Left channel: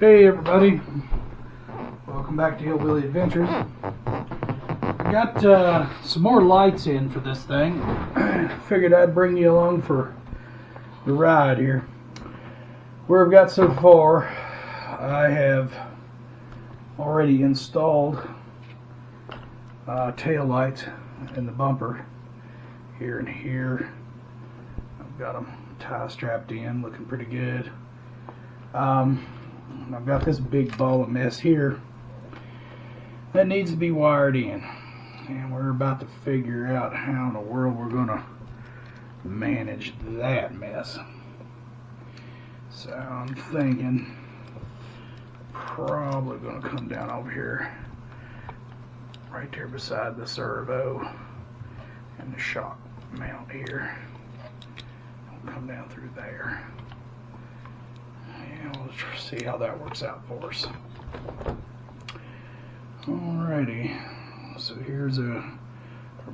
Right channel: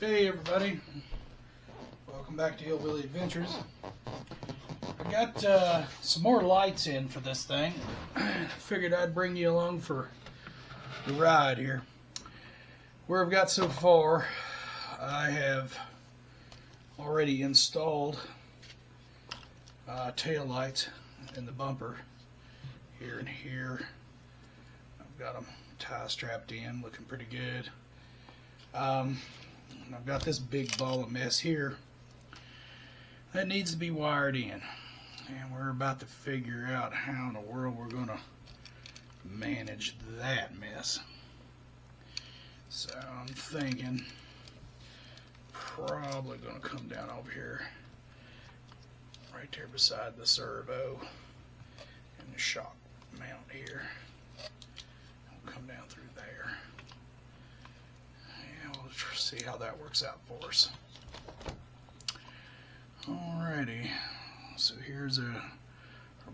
Hey everybody, welcome back to Hillbilly Adventures. I got some more lights in for this thing. Figured I'd bring you along for the ride here. Where I've got so far, I have already installed tail lights in the bumper here and here. I've got them tie strapped in, looking pretty good. I've got this big ball of mess here that needs to be wired in, and we're about to figure out how in the world we're going to manage that mess. So I'm thinking probably going to come down over here right there beside the servo and the shock mount here. I'll come down through there. We'll see how that works out for us. Alrighty, so here's our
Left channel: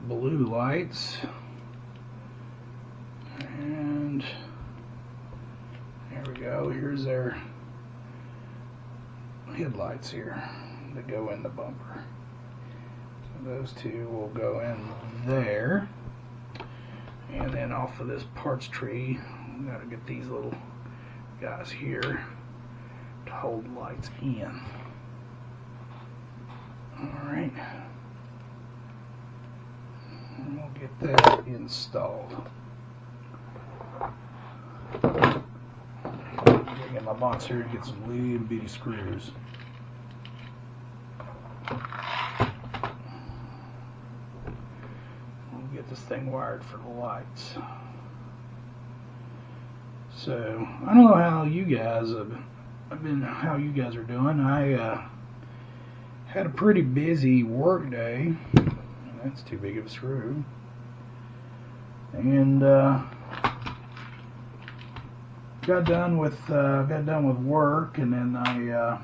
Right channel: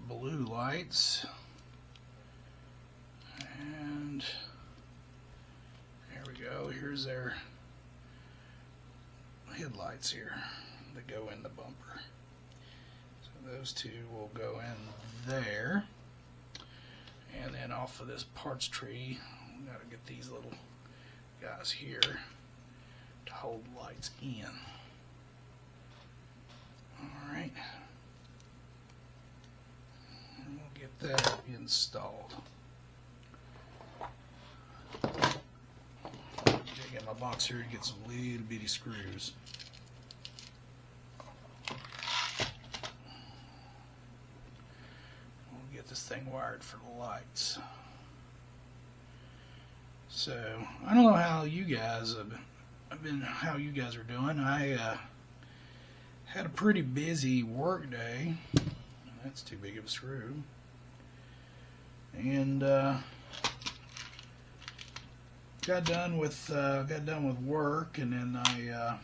blue lights, and there we go. Here's our headlights here that go in the bumper. So those two will go in there, and then off of this parts tree, we got to get these little guys here to hold lights in. Alright, and we'll get that installed. Dig in my box here to get some little bitty screws. We'll get this thing wired for the lights. So I don't know how you guys how you guys are doing. I had a pretty busy work day. That's too big of a screw. And got done with work, and then I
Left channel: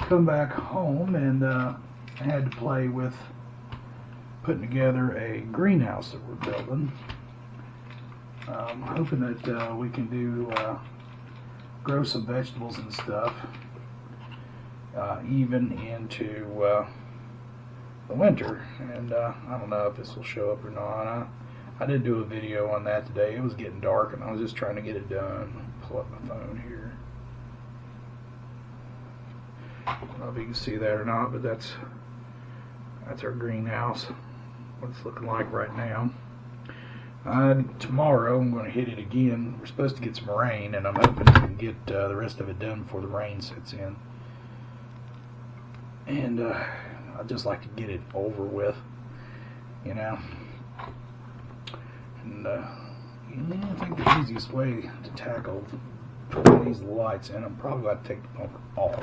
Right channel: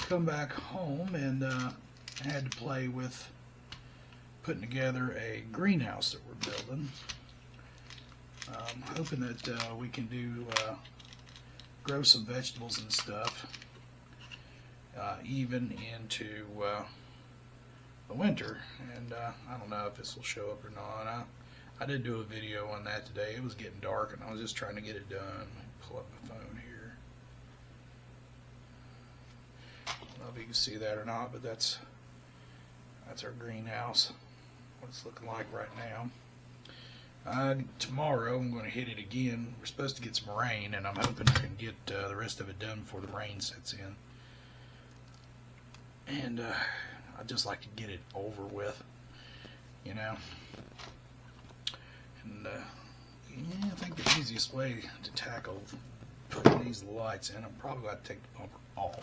come back home, and I had to play with putting together a greenhouse that we're building. Hoping that we can grow some vegetables and stuff even into the winter. And I don't know if this will show up or not. I did do a video on that today. It was getting dark, and I was just trying to get it done. Pull up my phone here. I don't know if you can see that or not, but that's our greenhouse. What it's looking like right now. Tomorrow I'm going to hit it again. We're supposed to get some rain, and I'm hoping we can get the rest of it done before the rain sets in. And I'd just like to get it over with, you know. And I think the easiest way to tackle putting these lights in, I'm probably going to take the bumper off.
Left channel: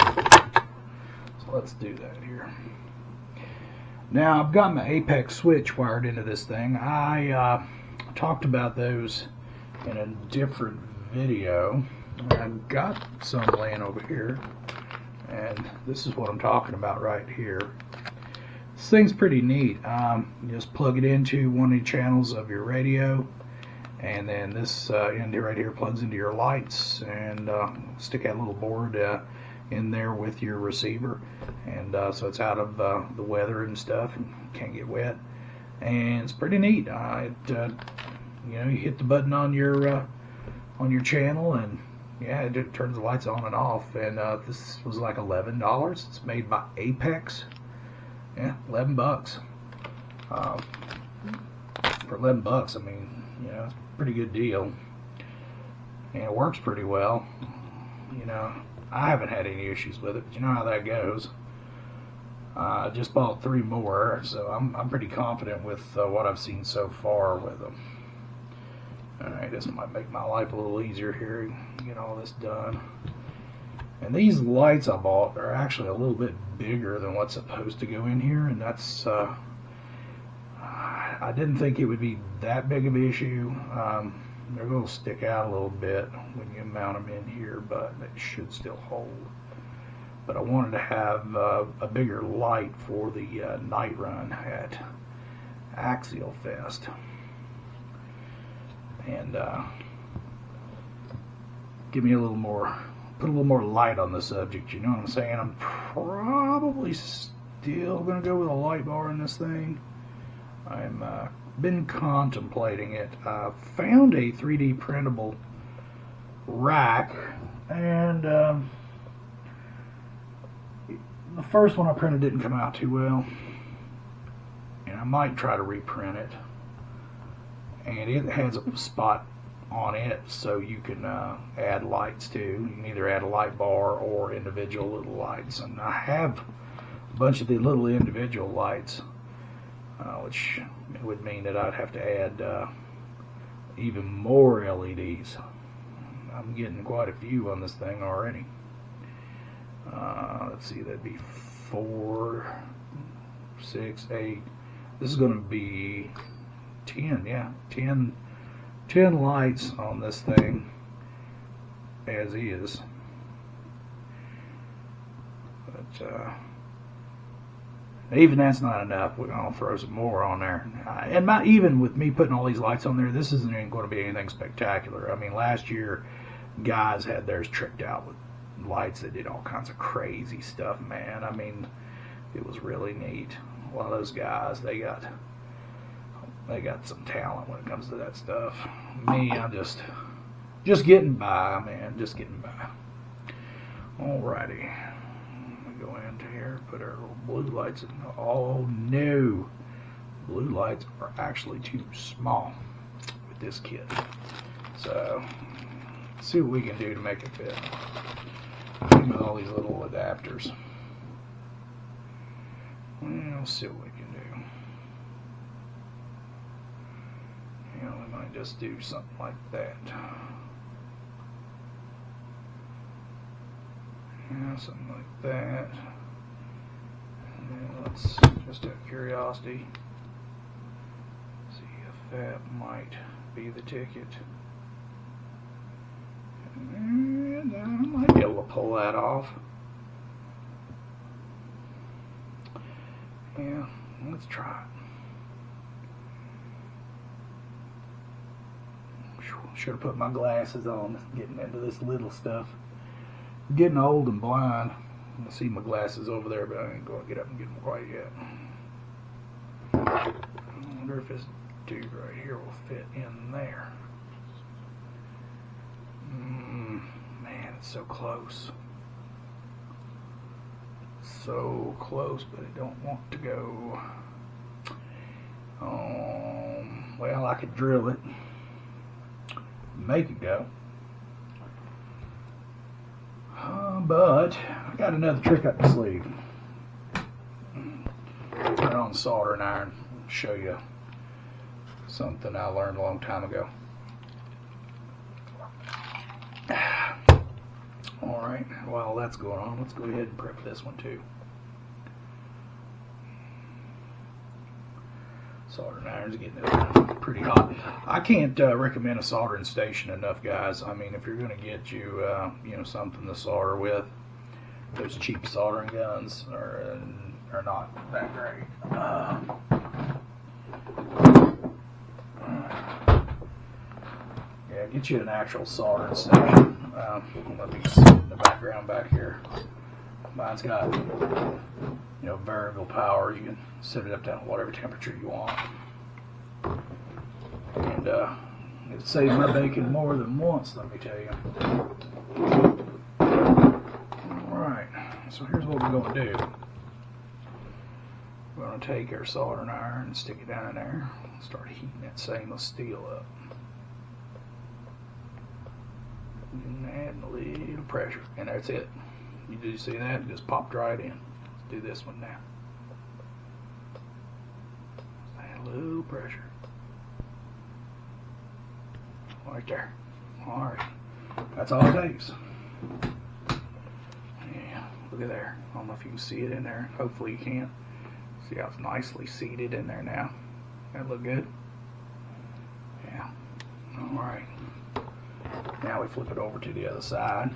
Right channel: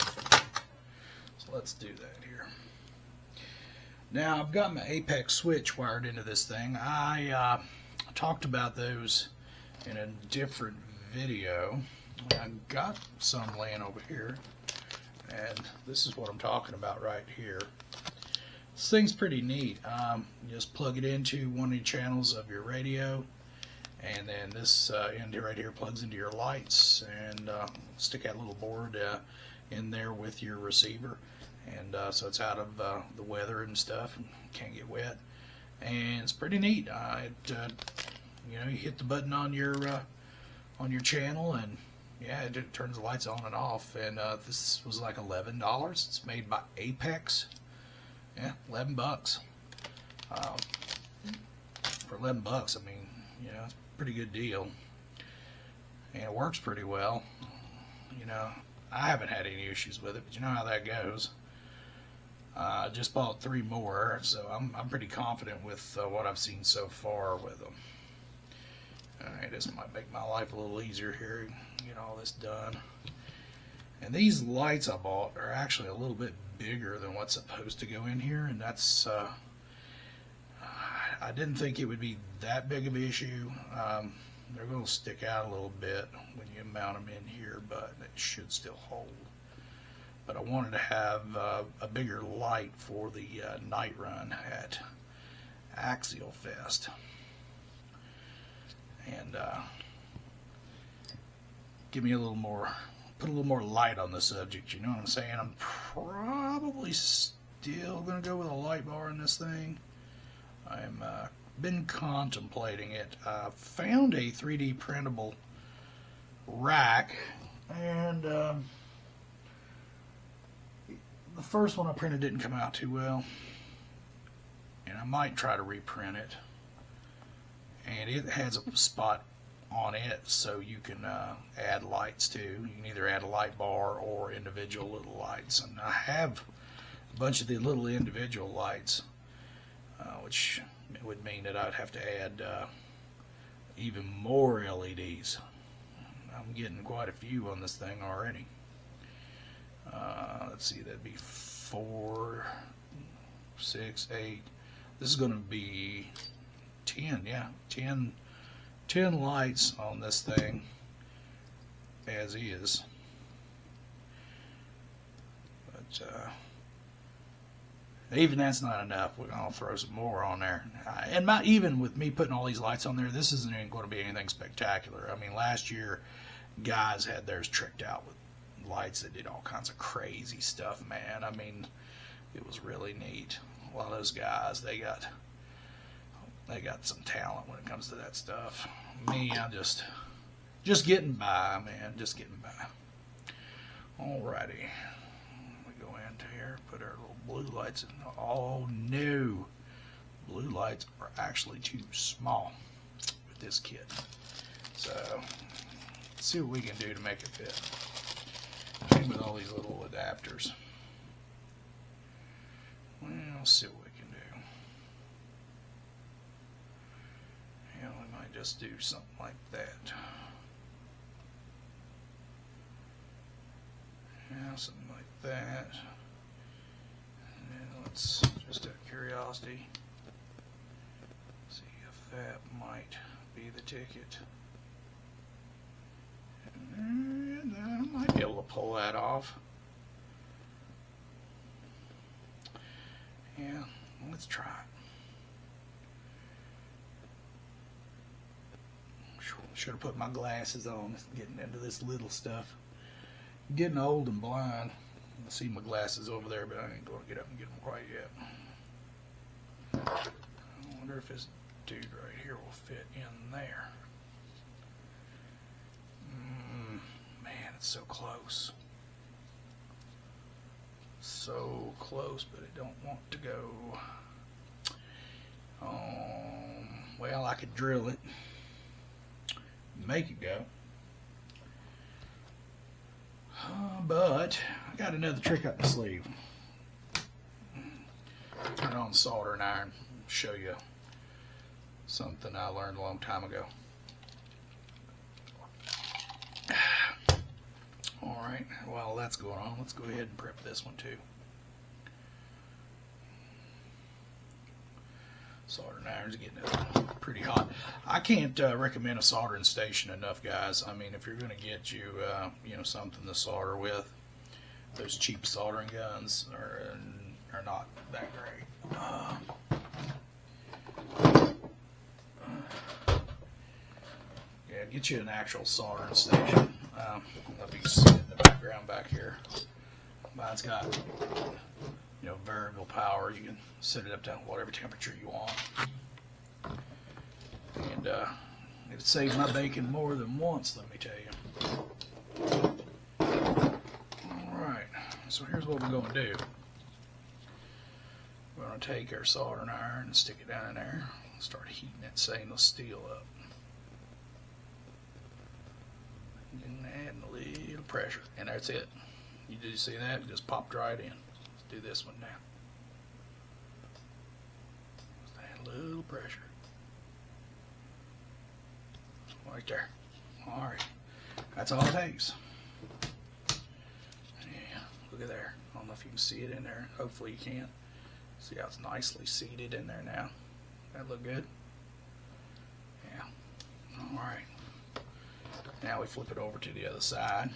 So let's do that here. Now I've got my Apex switch wired into this thing. I talked about those in a different video. I've got some laying over here, and this is what I'm talking about right here. This thing's pretty neat. You just plug it into one of the channels of your radio, and then this end right here plugs into your lights, and stick that little board in there with your receiver, and so it's out of the weather and stuff and can't get wet. And it's pretty neat. You know, you hit the button on your channel, and yeah, it turns the lights on and off. And this was like $11. It's made by Apex. Yeah, $11. For $11, I mean, you know, it's a pretty good deal, and it works pretty well. You know, I haven't had any issues with it, but you know how that goes. I just bought 3 more, so I'm pretty confident with what I've seen so far with them. Alright, this might make my life a little easier here, get all this done. And these lights I bought are actually a little bit bigger than what's supposed to go in here, and that's I didn't think it would be that big of an issue. They're going to stick out a little bit when you mount them in here, but they should still hold. But I wanted to have a bigger light for the night run at Axialfest. And give me a little more put a little more light on the subject, you know what I'm saying? I'm probably still going to go with a light bar in this thing. I'm been contemplating it. I found a 3D printable rack, and the first one I printed didn't come out too well, and I might try to reprint it. And it has a spot on it so you can add lights to. You can either add a light bar or individual little lights, and I have a bunch of the little individual lights, which would mean that I'd have to add even more LEDs. I'm getting quite a few on this thing already. Let's see, that'd be 4, 6, 8. This is going to be 10, yeah, 10 lights on this thing as is. But even that's not enough. We're going to throw some more on there. And even with me putting all these lights on there, this isn't even going to be anything spectacular. I mean, last year, guys had theirs tricked out with lights that did all kinds of crazy stuff, man. I mean, it was really neat. A lot of those guys, they got some talent when it comes to that stuff. Me, I'm just getting by, man. Just getting by. Alrighty. Go into here, put our little blue lights in. Oh no, blue lights are actually too small with this kit. So let's see what we can do to make it fit. Even with all these little adapters. We'll see what we can do. Yeah, we might just do something like that. Yeah, something like that. And let's just out of curiosity see if that might be the ticket. And I might be able to pull that off. Yeah, let's try it. Should have put my glasses on, getting into this little stuff. I'm getting old and blind. I see my glasses over there, but I ain't going to get up and get them quite yet. I wonder if this dude right here will fit in there. Man, it's so close. So close, but it don't want to go. Well, I could drill it, make it go. But I got another trick up the sleeve. Put it on the soldering iron. Show you something I learned a long time ago. Alright, while that's going on, let's go ahead and prep this one too. Soldering iron's getting pretty hot. I can't recommend a soldering station enough, guys. I mean, if you're going to get you know, something to solder with, those cheap soldering guns are not that great. Yeah, get you an actual soldering station. Let me see in the background back here. Mine's got, you know, variable power. You can set it up down to whatever temperature you want. And it saves my bacon more than once, let me tell you. Alright, so here's what we're going to do. We're going to take our soldering iron and stick it down in there. Start heating that stainless steel up. And adding a little pressure. And that's it. You do see that? It just popped right in. Let's do this one now. Add a little pressure. Right there. Alright. That's all it takes. Yeah, look at there. I don't know if you can see it in there. Hopefully you can. See how it's nicely seated in there now. That look good? Yeah. Alright. Now we flip it over to the other side.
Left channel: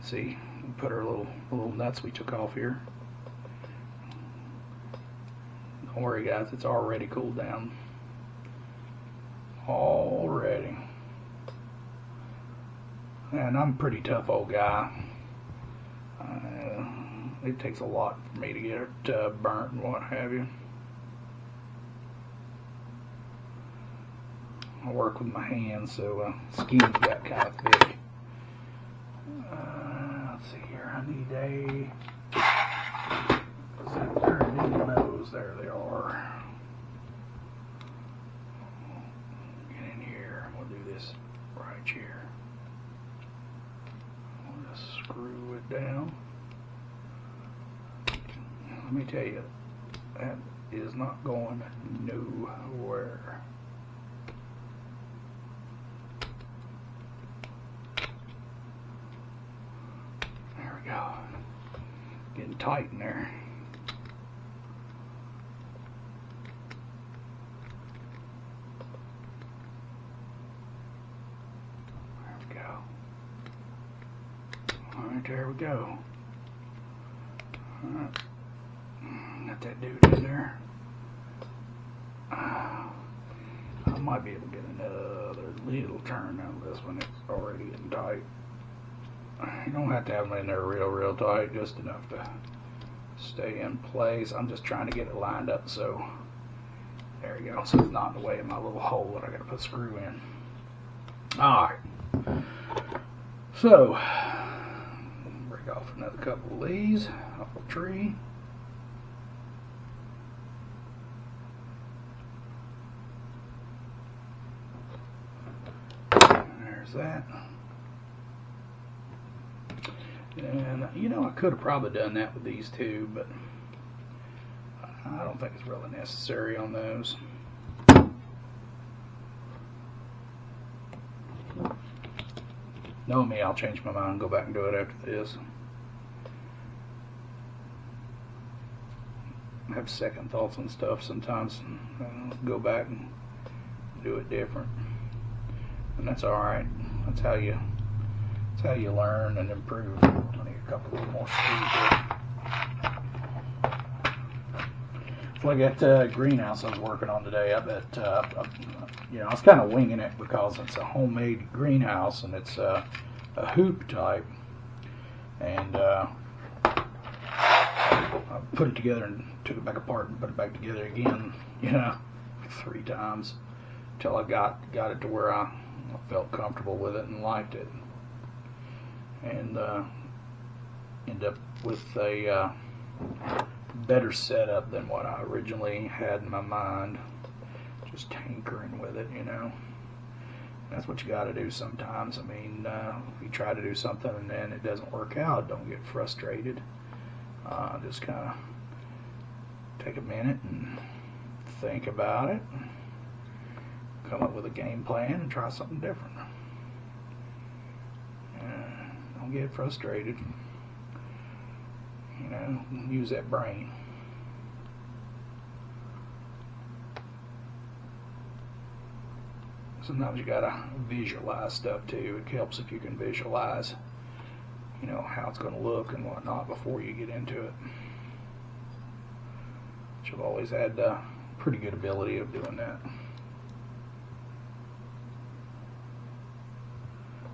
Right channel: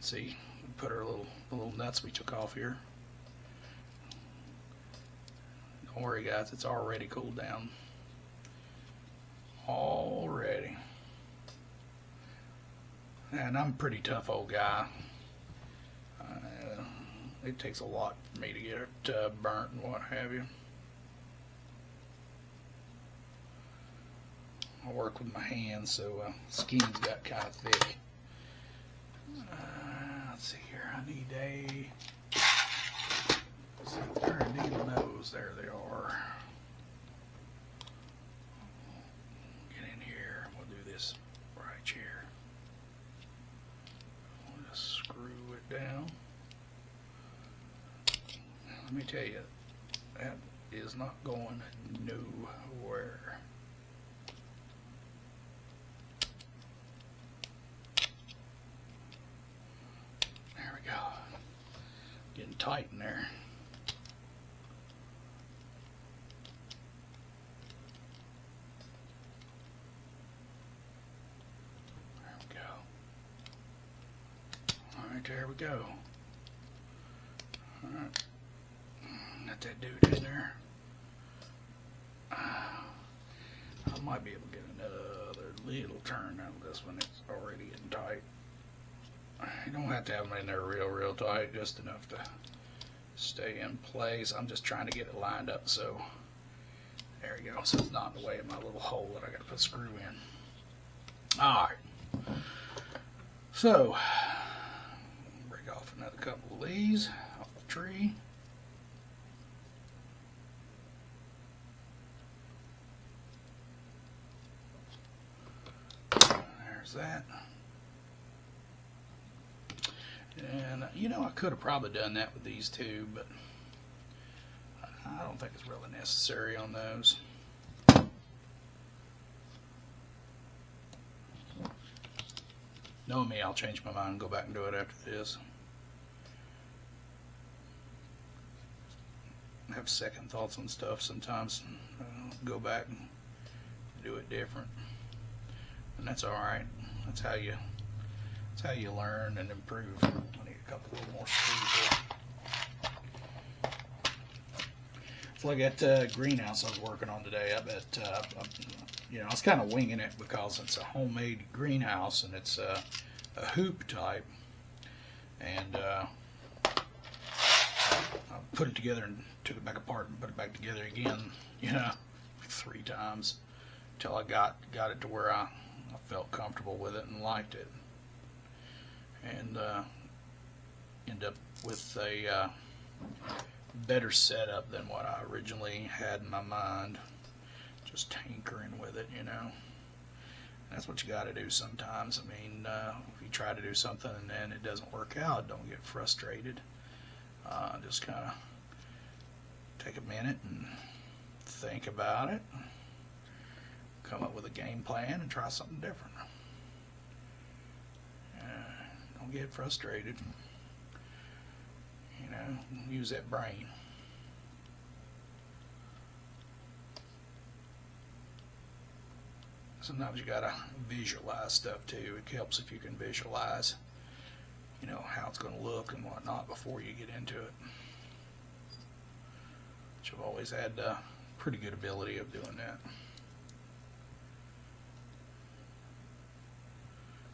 See, we put our little nuts we took off here. Don't worry, guys, it's already cooled down. Already. And I'm a pretty tough old guy. It takes a lot for me to get it burnt and what have you. I work with my hands, so skin's got kind of thick. Let's see here. I need a. There are needle nose. There they are. Get in here. We'll do this right here. I'll just screw it down. Let me tell you, that is not going nowhere. There we go. Getting tight in there. There we go. All right, there we go. All right. Got that dude in there. I might be able to get another little turn out of this one. It's already getting tight. You don't have to have them in there real tight, just enough to stay in place. I'm just trying to get it lined up so there you go. So it's not in the way of my little hole that I got to put screw in. Alright. So, break off another couple of these off the tree. There's that. And you know, I could have probably done that with these two, but I don't think it's really necessary on those. Knowing me, I'll change my mind and go back and do it after this. I have second thoughts on stuff sometimes. Go back and do it different, and that's all right. That's how you learn and improve. I need a couple more screws here. It's like that greenhouse I was working on today. I bet you know, I was kind of winging it because it's a homemade greenhouse and it's a hoop type, and I put it together and took it back apart and put it back together again, you know, 3 times until I got it to where I felt comfortable with it and liked it, and end up with a better setup than what I originally had in my mind. Just tinkering with it, you know. That's what you got to do sometimes. I mean, if you try to do something and then it doesn't work out, don't get frustrated. Just kind of take a minute and think about it. Come up with a game plan and try something different. Don't get frustrated. You know, use that brain. Sometimes you gotta visualize stuff too. It helps if you can visualize, you know, how it's going to look and whatnot before you get into it. Which I've always had pretty good ability of doing that.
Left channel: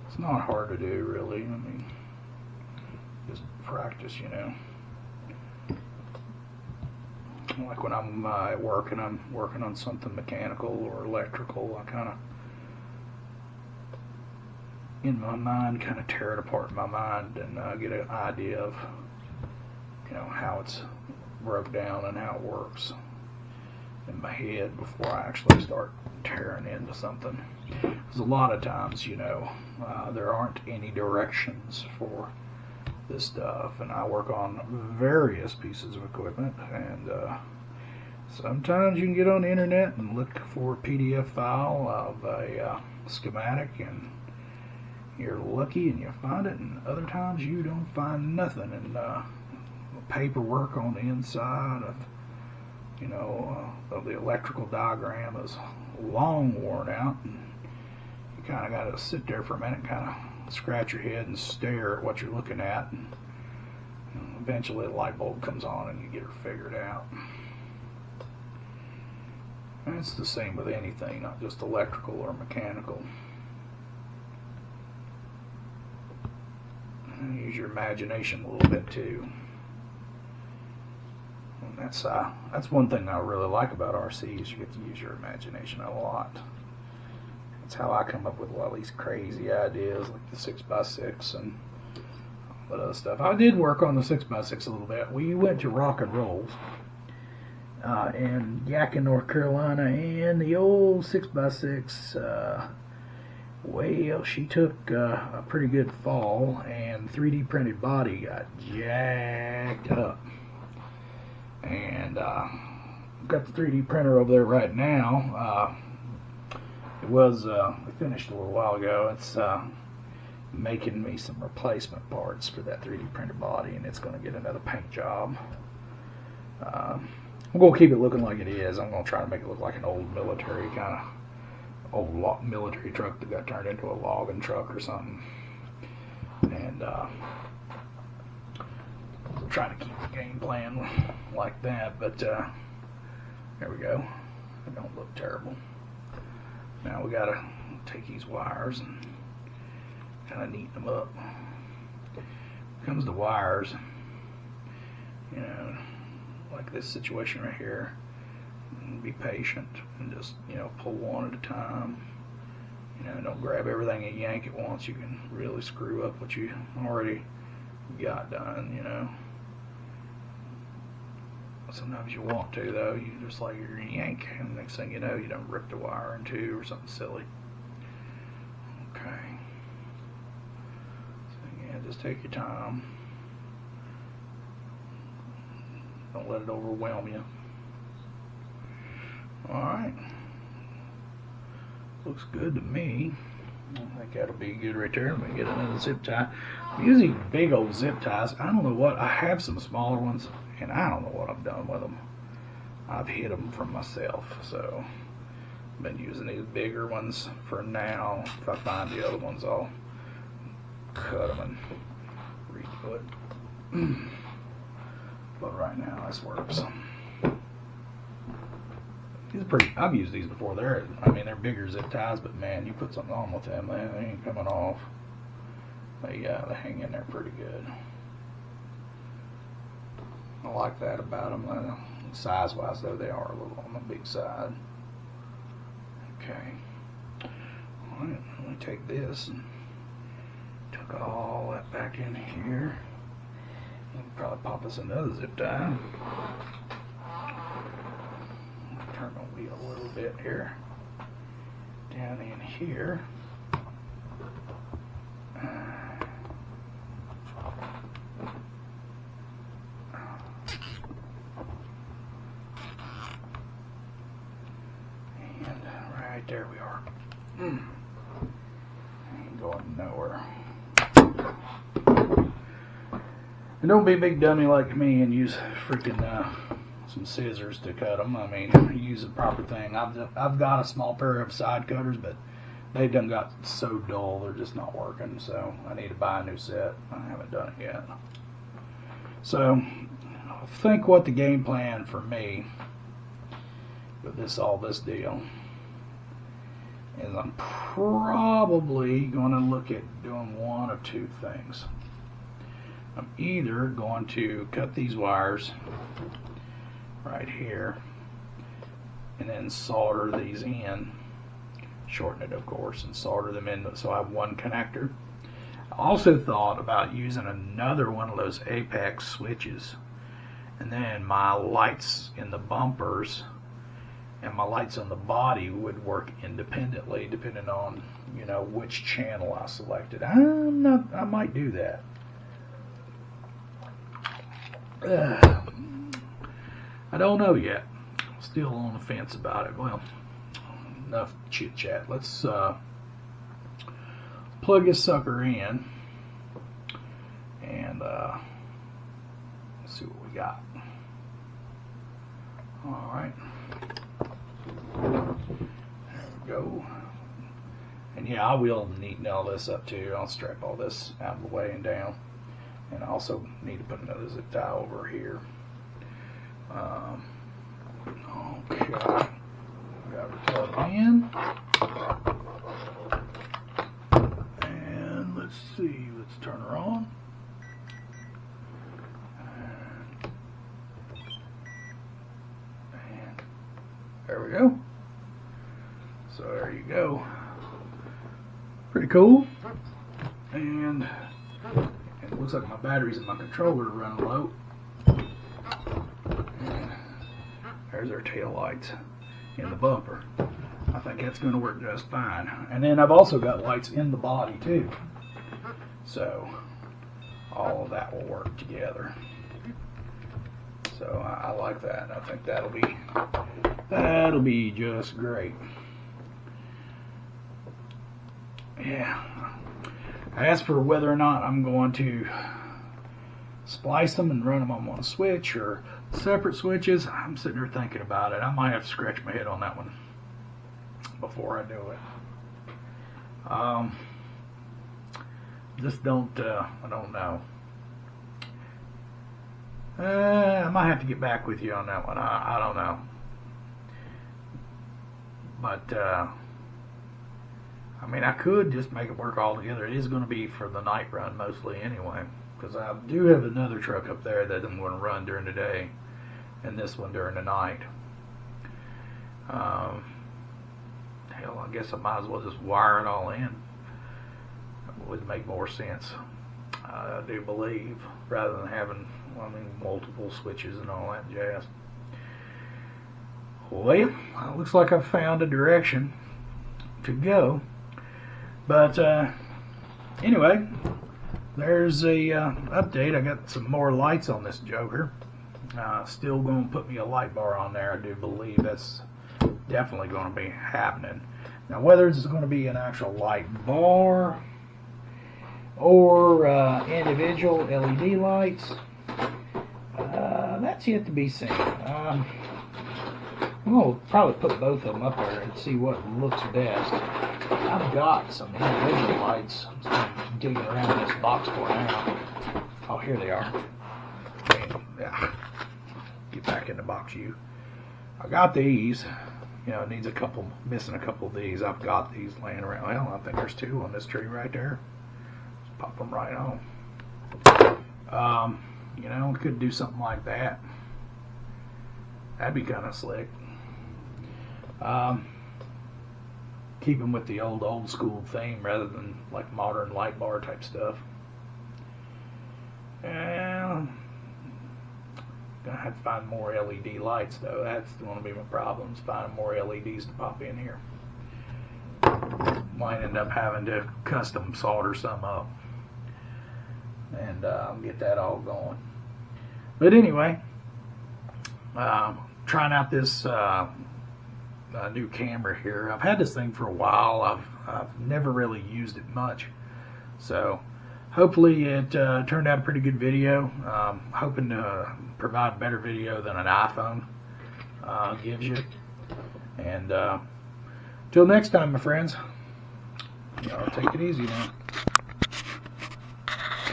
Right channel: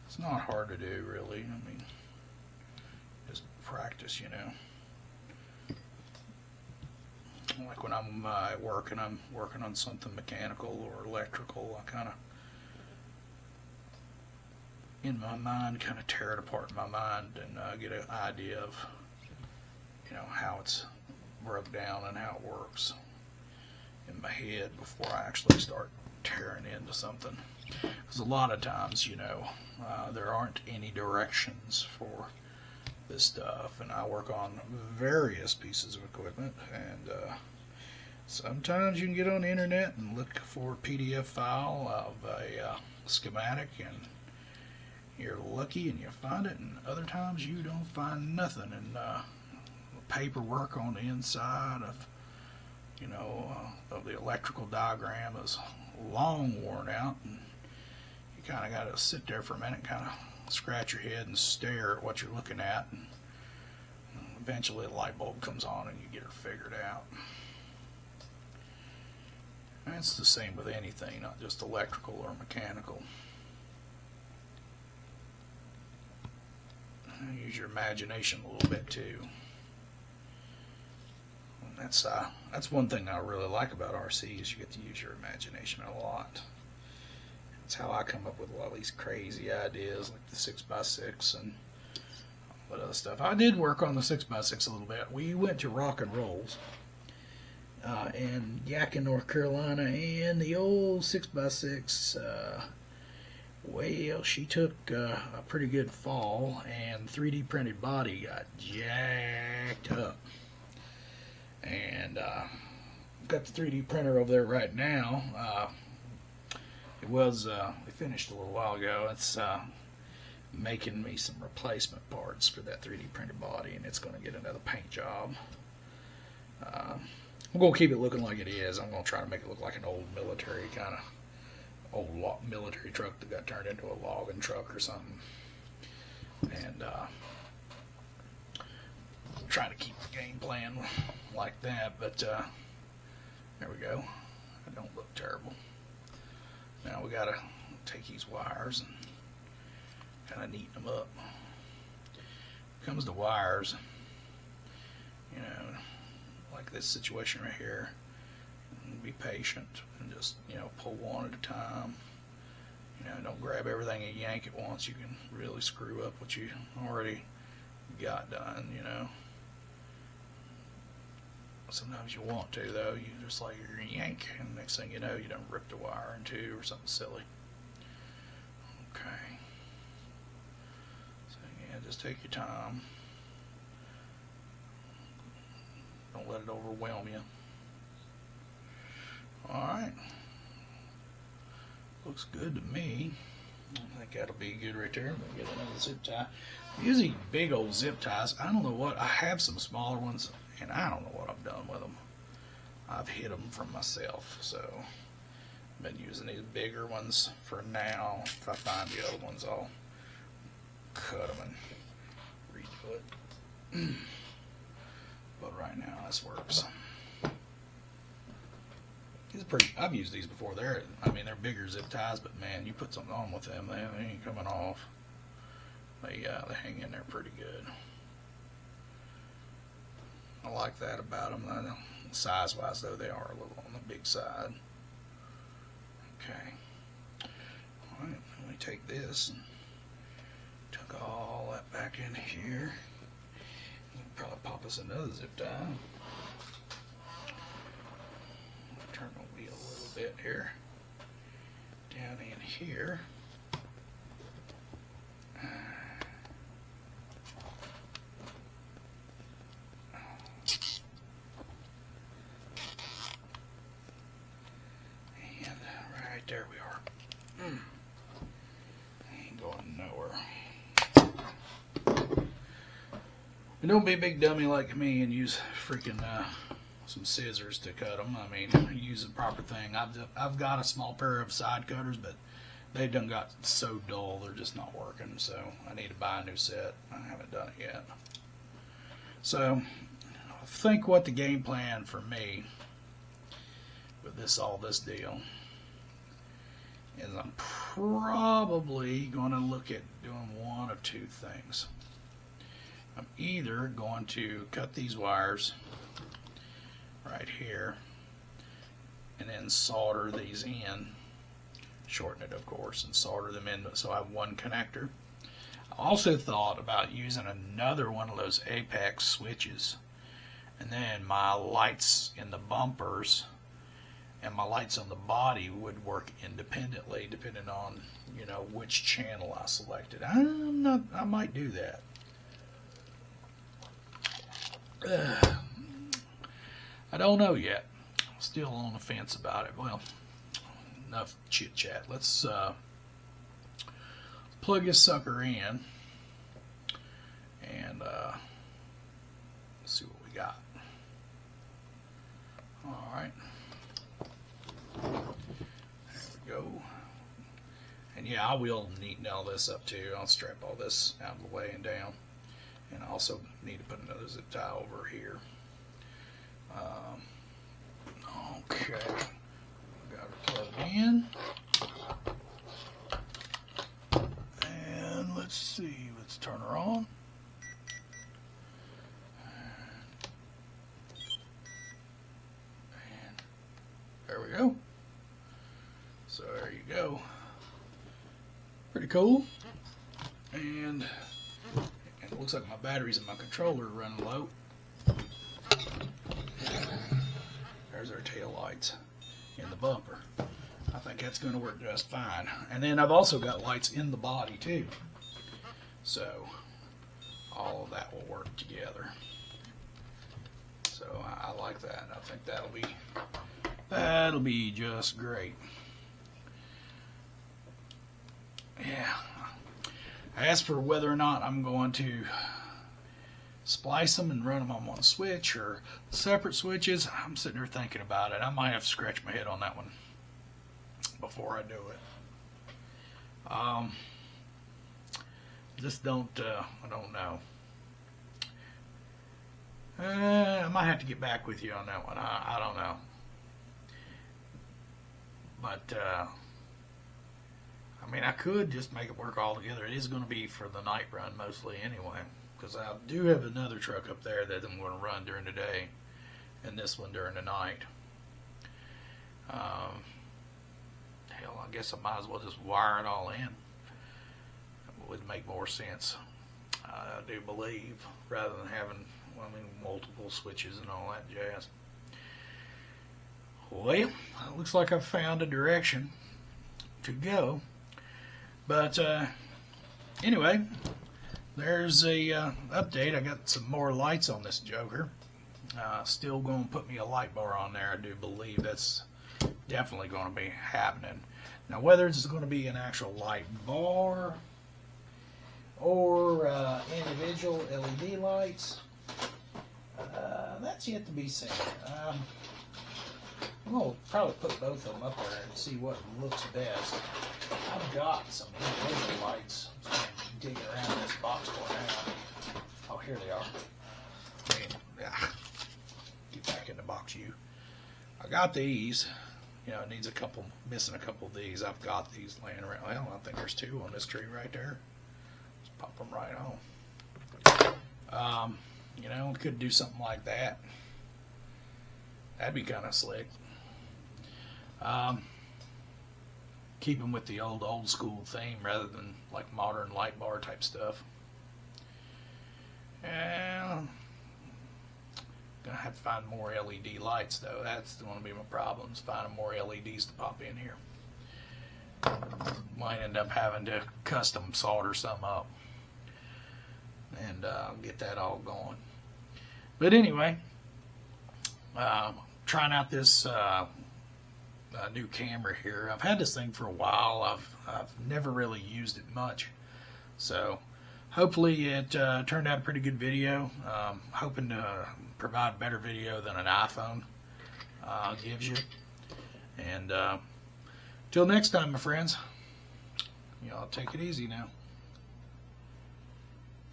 It's not hard to do, really. I mean, just practice, you know. Like when I'm at work and I'm working on something mechanical or electrical, I kind of, in my mind, kind of tear it apart in my mind and get an idea of, you know, how it's broke down and how it works in my head before I actually start tearing into something. Because a lot of times, you know, there aren't any directions for this stuff, and I work on various pieces of equipment, and sometimes you can get on the internet and look for a PDF file of a schematic, and you're lucky and you find it, and other times you don't find nothing, and the paperwork on the inside of, you know, of the electrical diagram is long worn out, and you kind of got to sit there for a minute and kind of scratch your head and stare at what you're looking at, and eventually the light bulb comes on and you get her figured out. And it's the same with anything, not just electrical or mechanical. use your imagination a little bit too. And that's one thing I really like about RC is you get to use your imagination a lot. That's how I come up with a lot of these crazy ideas like the 6x6 and all that other stuff. I did work on the 6x6 a little bit. We went to Rock and Rolls in Yakin, North Carolina, and the old 6x6, well, she took a pretty good fall, and 3D printed body got jacked up. And got the 3D printer over there right now. We finished a little while ago. It's making me some replacement parts for that 3D printed body, and it's going to get another paint job. I'm going to keep it looking like it is. I'm going to try to make it look like an old military military truck that got turned into a logging truck or something. And try to keep the game plan like that, but there we go. It don't look terrible. Now we gotta take these wires and kind of neaten them up. When it comes to wires, you know, like this situation right here, be patient and just, you know, pull one at a time. You know, don't grab everything and yank at once. You can really screw up what you already got done, you know. Sometimes you want to, though. You just like you're gonna yank, and next thing you know, you don't rip the wire in two or something silly. Okay. So yeah, just take your time. Don't let it overwhelm you. All right. Looks good to me. I think that'll be good right there. Let me get another zip tie. I'm using big old zip ties. I don't know what. I have some smaller ones, and I don't know what I've done with them. I've hid them from myself, so I've been using these bigger ones for now. If I find the other ones, I'll cut them and redo it. But right now, this works. These are pretty. I've used these before. They're bigger zip ties, but man, you put something on with them, they ain't coming off. They hang in there pretty good. I like that about them. Size-wise, though, they are a little on the big side. Okay. All right, let me take this and tuck all that back in here. We'll probably pop us another zip tie. Turn the wheel a little bit here. Down in here. There we are. Ain't going nowhere. And don't be a big dummy like me and use freaking some scissors to cut them. I mean, use the proper thing. I've got a small pair of side cutters, but they've done got so dull they're just not working. So I need to buy a new set. I haven't done it yet. So I think what the game plan for me with this deal is I'm probably going to look at doing one of two things. I'm either going to cut these wires right here and then solder these in, shorten it of course, and solder them in so I have one connector. I also thought about using another one of those apex switches, and then my lights in the bumpers and my lights on the body would work independently depending on, you know, which channel I selected. I might do that. I don't know yet. Still on the fence about it. Well, enough chit chat. Let's plug this sucker in and see what we got. All right. There we go. And yeah, I will neaten all this up too. I'll strap all this out of the way and down. And I also need to put another zip tie over here. Okay. Got it plugged in. And let's see. Let's turn her on. we go. So there you go. Pretty cool. And it looks like my batteries in my controller are running low. There's our tail lights in the bumper. I think that's going to work just fine. And then I've also got lights in the body too. So all of that will work together. So I like that. I think that'll be just great. Yeah. As for whether or not I'm going to splice them and run them on one switch or separate switches, I'm sitting there thinking about it. I might have to scratch my head on that one before I do it. Just don't, I don't know. I might have to get back with you on that one. I don't know. But, I mean, I could just make it work all together. It is going to be for the night run mostly anyway, because I do have another truck up there that I'm going to run during the day, and this one during the night. Hell, I guess I might as well just wire it all in. It would make more sense, I do believe, rather than having, multiple switches and all that jazz. Well, it looks like I've found a direction to go. But anyway, there's a update. I got some more lights on this joker. Still going to put me a light bar on there. I do believe that's definitely going to be happening. Now, whether it's going to be an actual light bar or individual LED lights, that's yet to be seen. I'm going to probably put both of them up there and see what looks best. I've got some individual lights. I'm digging around this box for now. Oh, here they are. Get back in the box, you. I got these. You know, it needs missing a couple of these. I've got these laying around. Well, I think there's two on this tree right there. Just pop them right on. You know, we could do something like that. That'd be kind of slick. Keep them with the old school theme rather than like modern light bar type stuff. And gonna have to find more LED lights though. That's going to be my problem, is finding more LEDs to pop in here. Might end up having to custom solder some up and get that all going. But anyway, trying out this new camera here. I've had this thing for a while. I've never really used it much, so hopefully it turned out a pretty good video. Hoping to provide better video than an iPhone gives you. And till next time, my friends, y'all take it easy now.